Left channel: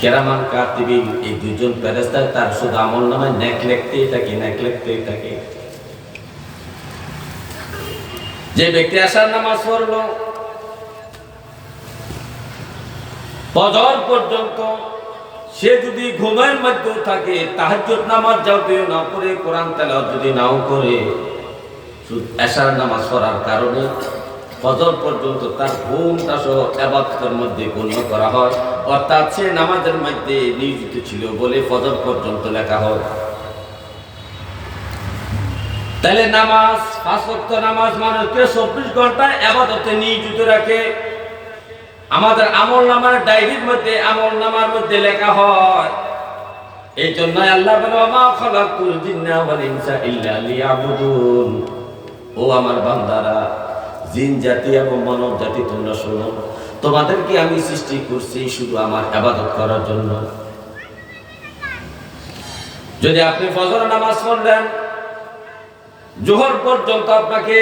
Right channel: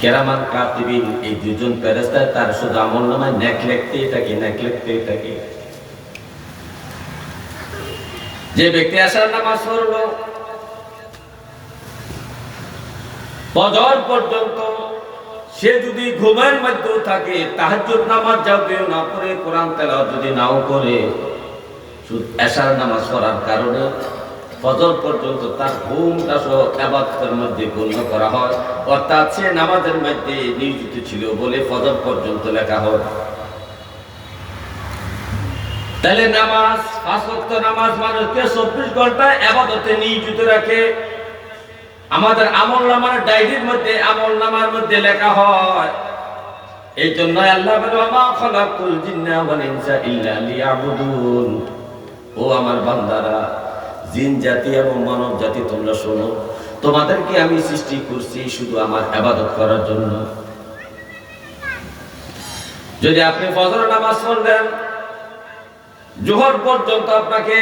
কেরামান কাতিবিন, এই দুজন ফেরেশতা তার শুধু আমলনামায় নেক লিখতেই থাকে। যে ব্যক্তি আশার নামাজ পড়লো ফজর পর্যন্ত, সে যদি ঘুমের মধ্যে থাকে, তাহাজ্জুদ নামাজ যাও না পড়ে, কোরআন তেলাওয়াত যদি নাও করে, শুধু এশার নামাজ পড়ার কারণে ফজর পর্যন্ত তার ঘুমটা সহ ইবাদতের মধ্যে গণ্য করা হয়, অর্থাৎ সে নামাজের মধ্যে নিয়োজিত ছিল বলে ফজর পর্যন্ত লেখা হয়। তাহলে নামাজ, 5 ওয়াক্ত নামাজ মানুষকে 24 ঘন্টা ইবাদতে নিয়োজিত রাখে। আমাদের আমলনামার ডায়েরির মধ্যে, আমলনামার মধ্যে লেখা হয়। এই জন্য আল্লাহ বলে, ওয়া খালাকুল জিন্না ওয়াল ইনসা ইল্লা লিয়াবুদুন। ও আমার বান্দারা, জিন জাতি এবং মানব জাতি, তোমরা শোনো, তোমাদেরকে আমি সৃষ্টি করছি শুধু আমার ইবাদত করার জন্য। যদি আপনি ফজর নামাজ পড়লেন, জোহর পর্যন্ত আপনাকে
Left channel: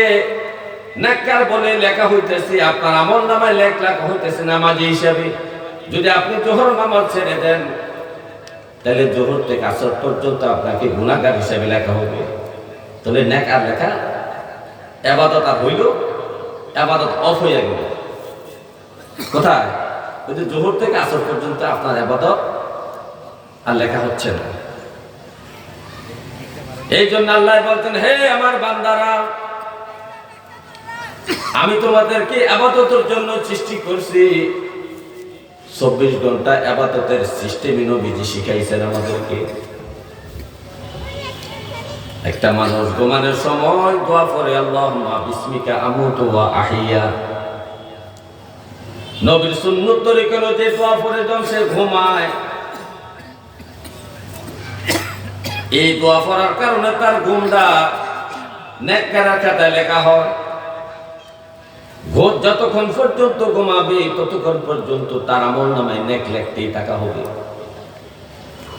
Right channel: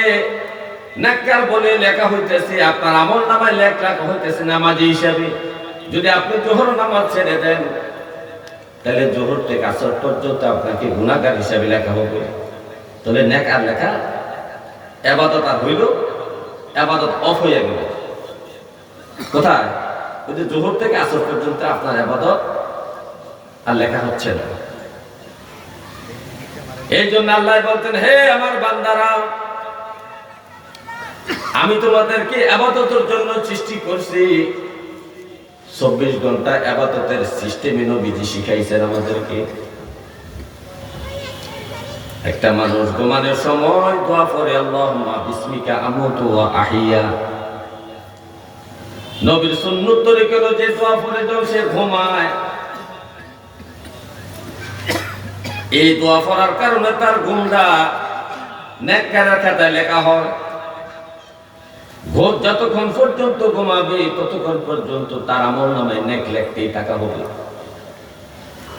নেককার বলে লেখা হইতেছে, আপনার আমলনামায় লেখা হইতেছে নামাজি হিসাবে। যদি আপনি জোহর নামাজ ছেড়ে দেন, তাহলে জোহর থেকে আসর পর্যন্ত আপনাকে গুনাহগার হিসাবে লেখা হবে। তাহলে নেক আর লেখা, ইবাদত আর হইল, ইবাদত অফ হয়ে গেল। কোথায়? ওই যে জোহর থেকে আসর পর্যন্ত আপনার ইবাদত আর লেখা হচ্ছে না। এই জন্য আল্লাহ বলতেন, হে আমার বান্দারা, আমি তোমাদেরকে ইবাদতের জন্য সৃষ্টি করছি। 24 ঘন্টা ইবাদতের সিস্টেমে নবীজি শিখাইছেন আমাদেরকে। একটা মানুষ ঘুমানোর সময় দোয়া করে, আল্লাহুম্মা বিসমিকা আমুতু ওয়া আহিয়া। নবীর সুন্নত তরিকা যে দোয়া পড়ে যখন সে ঘুমায়, এই দোয়া পড়ার কারণে তার ঘুমটা নেককারের খাতায় লেখা হয়। যতক্ষণ পর্যন্ত ঘুমাবে, ততক্ষণ পর্যন্ত তার আমলনামায় নেক লিখতেই থাকা হবে।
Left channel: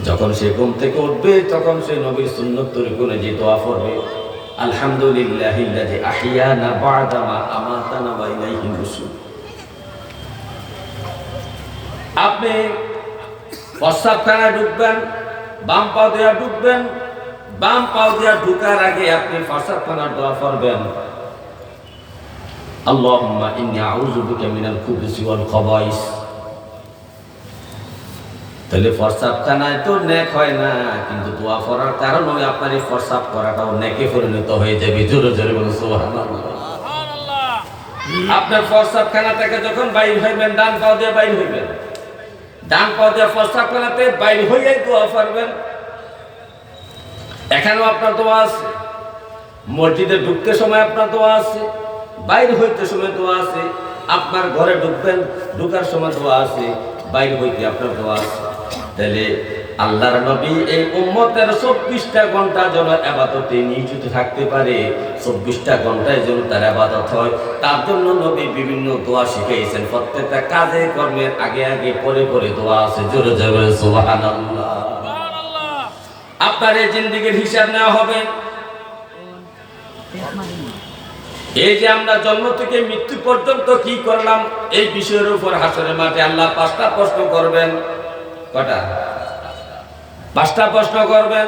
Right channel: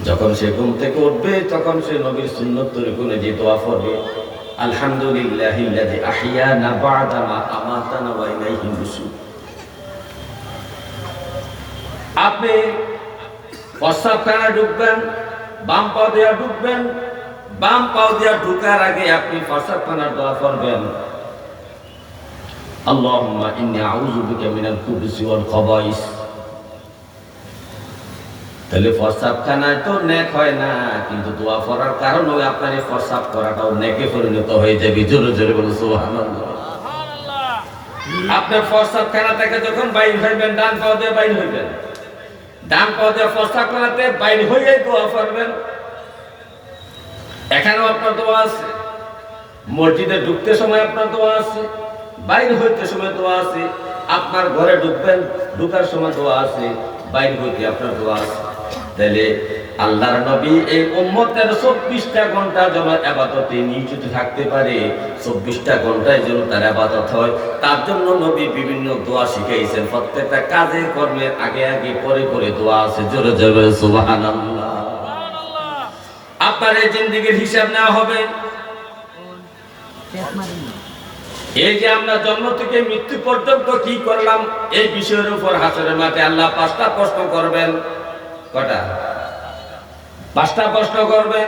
যখন সে ঘুম থেকে উঠবে, তখন সে নবীর সুন্নত তরিকা যে দোয়া পড়বে, আলহামদুলিল্লাহিল্লাযী আহইয়ানা বা'দা মা আমাতানা ওয়া ইলাইহিন নুশুর। আপনি প্রস্রাবখানায় ঢুকবেন, বাম পাও দিয়ে ঢুকবেন, বাম পাও দিয়ে ঢুকার আগে আপনি প্রস্রাবখানার দোয়া পড়বেন, আল্লাহুম্মা ইন্নী আউযু বিকা মিনাল খুবুসি ওয়াল খাবাইস। তাহলে প্রস্রাবখানায় তো নেক হয় না, কিন্তু দোয়া পড়ার কারণে আপনার এই প্রস্রাব করাটাও নেকে পরিণত হয়ে যাবে। জোরে জোরে বলুন সুবহানাল্লাহ। আপনার প্রস্রাবখানা থেকে যখন বাইর হইবেন, ডান পাও দিয়ে বাইর হইবেন, ডান পাও দিয়ে প্রস্রাবখানাতে বাইর হইয়াই দোয়া পড়বেন। এখানেও আপনার দোয়া আছে, মসজিদে ঢুকতে সময় আপনার দোয়া আছে, বাইর হইতে সময় দোয়া আছে, আপনার ঘরে ঢুকবেন, ঢুকার সময় দোয়া আছে, বাইর হইতে আপনার দোয়া আছে। তাহলে আল্লাহর নবী এই উম্মতের 24টা ঘন্টা যেন ইবাদতে নিয়োজিত থাকতে পারে, 24টা ঘন্টায় যেন তার ইবাদত হয়, তার জন্য নবী বিভিন্ন দোয়া শিখাইছেন। প্রত্যেকটা কাজে কর্মের আগে আগে পরে পরে দোয়া আছে। জোরে জোরে সুবহানাল্লাহ। আপনার এই জিন্দেগির হিসাব নেওয়া হবে। এই যে আমরা জন্ম থেকে মৃত্যু পর্যন্ত কি করলাম, এই বিষয়ের উপর হাসরের মাঠে আল্লাহ 5টা প্রশ্ন করবেন। কটা? 5টা প্রশ্ন করবেন।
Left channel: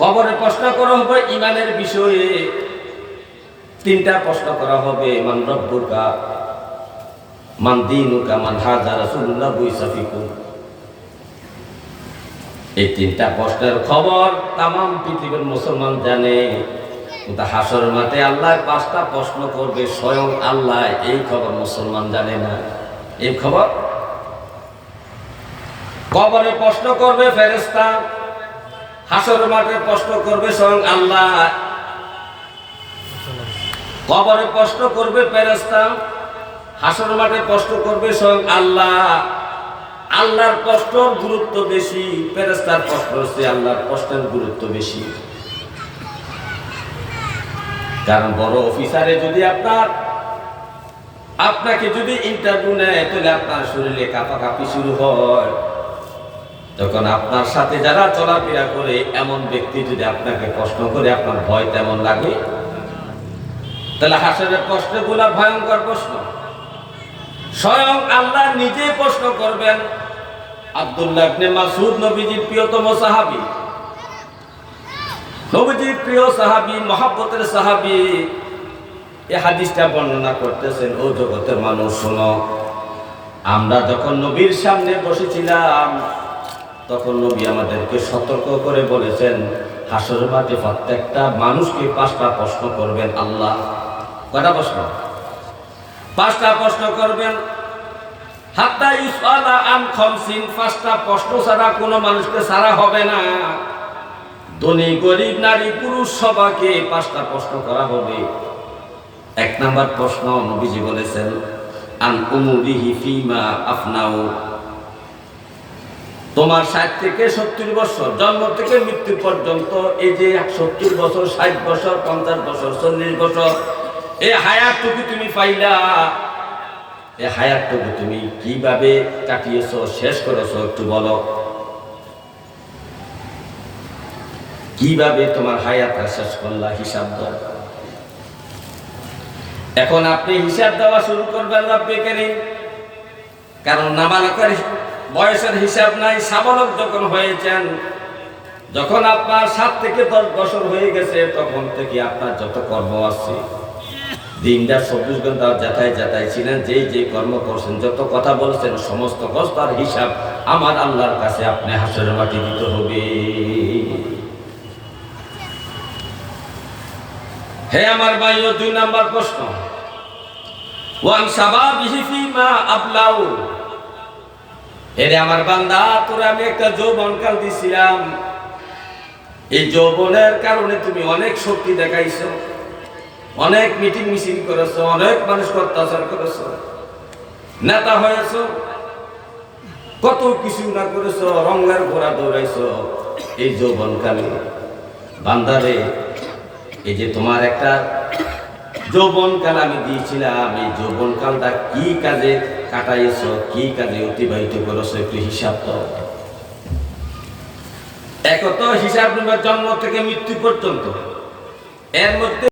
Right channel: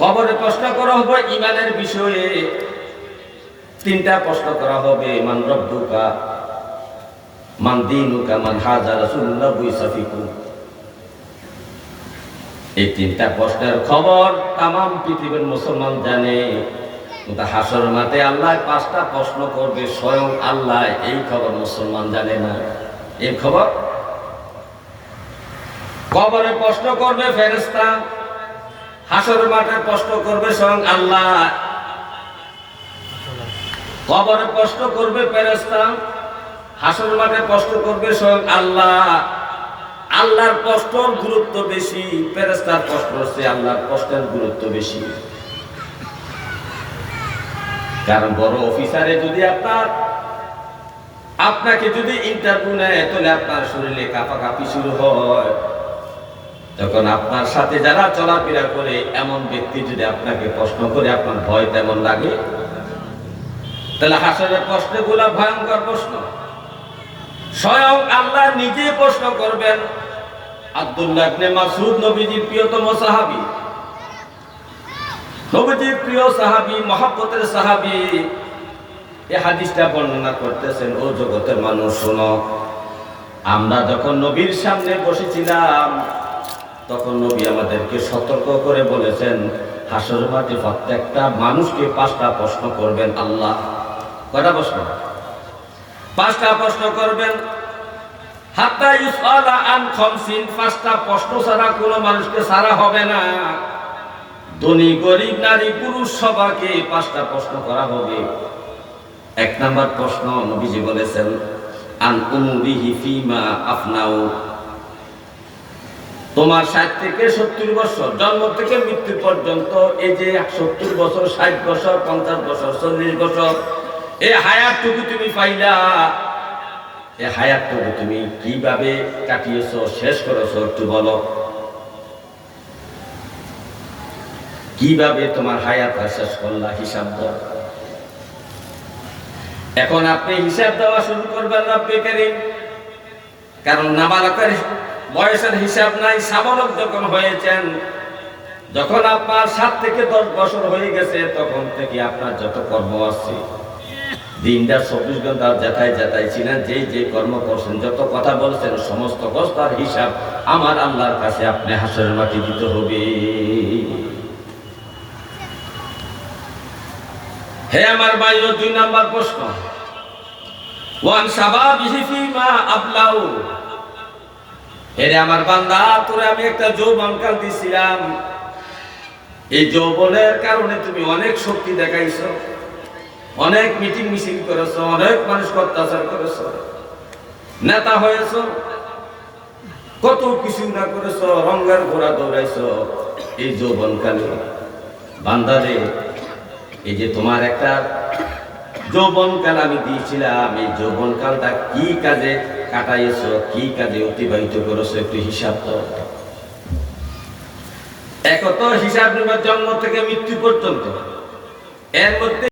কবরে প্রশ্ন করা হবে ঈমানের বিষয়ে, 3টা প্রশ্ন করা হবে, মান রব্বুকা, মান দীনুকা, মান হাযা রাসূলুল্লাহ বিসাফিকুম। এই 3টা প্রশ্নের খবর তামাম পৃথিবীর মুসলমান জানে, কিন্তু হাসর মাঠে আল্লাহ 5টা প্রশ্ন করবে, স্বয়ং আল্লাহ এই খবর মুসলমান জানে না। এই খবর কবরে প্রশ্ন করবে ফেরেশতা, হাসর মাঠে প্রশ্ন করবে স্বয়ং আল্লাহ। কবরে প্রশ্ন করবে ফেরেশতা, হাসর মাঠে প্রশ্ন করবে স্বয়ং আল্লাহ। আল্লাহর প্রশ্নের গুরুত্ব বেশি, ফেরেশতার প্রশ্ন হচ্ছে আল্লাহর প্রশ্নের গুরুত্ব বেশি। কারণ বড় অফিসারে যদি আপনাকে যদি ইন্টারভিউ নেয়, তাহলে আপনার শরীরে কাঁপাকাঁপি শুরু হয়। তখন আপনার সাথে যারা চলাফেরা করে এমন ব্যক্তি যদি আপনাকে প্রশ্ন করে, আপনার ভয় তেমন লাগে। তাহলে হাসরের প্রশ্নগুলা ভয়ঙ্কর প্রশ্ন। স্বয়ং আল্লাহ নিজে প্রশ্ন করবেন, আব্দুল্লাহ ইবনে মাসউদ নবীজির প্রিয়তম সাহাবী, নবীজির প্রিয় সাহাবী, মহব্বতের সাহাবী, এই হাদিসটা বর্ণনা করতেছেন। ও জগতের মানুষ শোনো, আমরা যখন নবীর সামনে বসেছিলাম তখন নবী আমাদেরকে সতর্ক করে বলেছেন, হাসর মাঠে প্রত্যেকটা মানুষকে 5টা প্রশ্ন করবেন আল্লাহ। কয়টা প্রশ্ন? 5টা প্রশ্ন করবেন। হাত্তা ইউসালা আন খামসিন, 5টা প্রশ্ন ছাড়া কোনো মানুষকে ছাড়া হবে না। ধনী গরিব নারী পুরুষ সবাইকে 5টা প্রশ্ন করা হবে। 1 নাম্বার প্রশ্ন নবীজি বলেছেন, আন উমুরিহি ফিমা আফনাউ, তোমার 60 থেকে 70 বছর, জন্ম থেকে মৃত্যু পর্যন্ত, এই যে 70 বছর, 60 বছর, 50 বছর, 40 বছর, এই হায়াতটুকু তুমি পাইলা, এই হায়াতটুকু তুমি কিভাবে কাটিয়েছো, শেষ করেছো, একটু বলো। কিভাবে তোমার হায়াত শেষ করলা, হিসাব দাও। এখন আপনি হিসাব দেওয়া শুরু করবেন রব্বে কারীম, কারণ নাবালকের বয়সের হিসাব নাই। সাবালক যখন হয়েছেন, যখন আপনার 7 থেকে 10 বছর হয়ে গেছে, তখন থেকে আপনার যত কর্ম আছে, দিনটা 24 ঘন্টা যাতায় যাতায় ছিলেন, যে কর্ম করছেন, যত কথা বলছেন, সমস্ত কষ্টার হিসাব আমার আল্লাহর কাছে আপনি হাসরের মাটি দিতে হবে। হে আমার ভাইও, 2 নাম্বার প্রশ্ন, ওয়ান শাবাবিহি ফিমা আবলাউ, এরে আমার বান্দা, তোরে আমি একটা যৌবনকাল দিছিলাম, এই যৌবনের কারণে তুমি অনেক শক্তি দেখাইছো, অনেক মিটিং মিছিল করেছো, অনেক মানুষকে অত্যাচার করেছো, নেতা হয়েছো, কত কিছু না করেছো, রঙ্গার ঘোড়া দৌড়াইছো। এই যৌবনকালে বান্দারে, এই যে তোমার একটা যৌবনকাল আমি দিয়েছিলাম, এই যৌবনকালটা কি কাজে কাটাইছো, কি কাজে অতিবাহিত করেছো, একটু হিসাব দাও। এক তো হিসাব নেবার জন্ম থেকে মৃত্যু পর্যন্ত, এর মধ্যে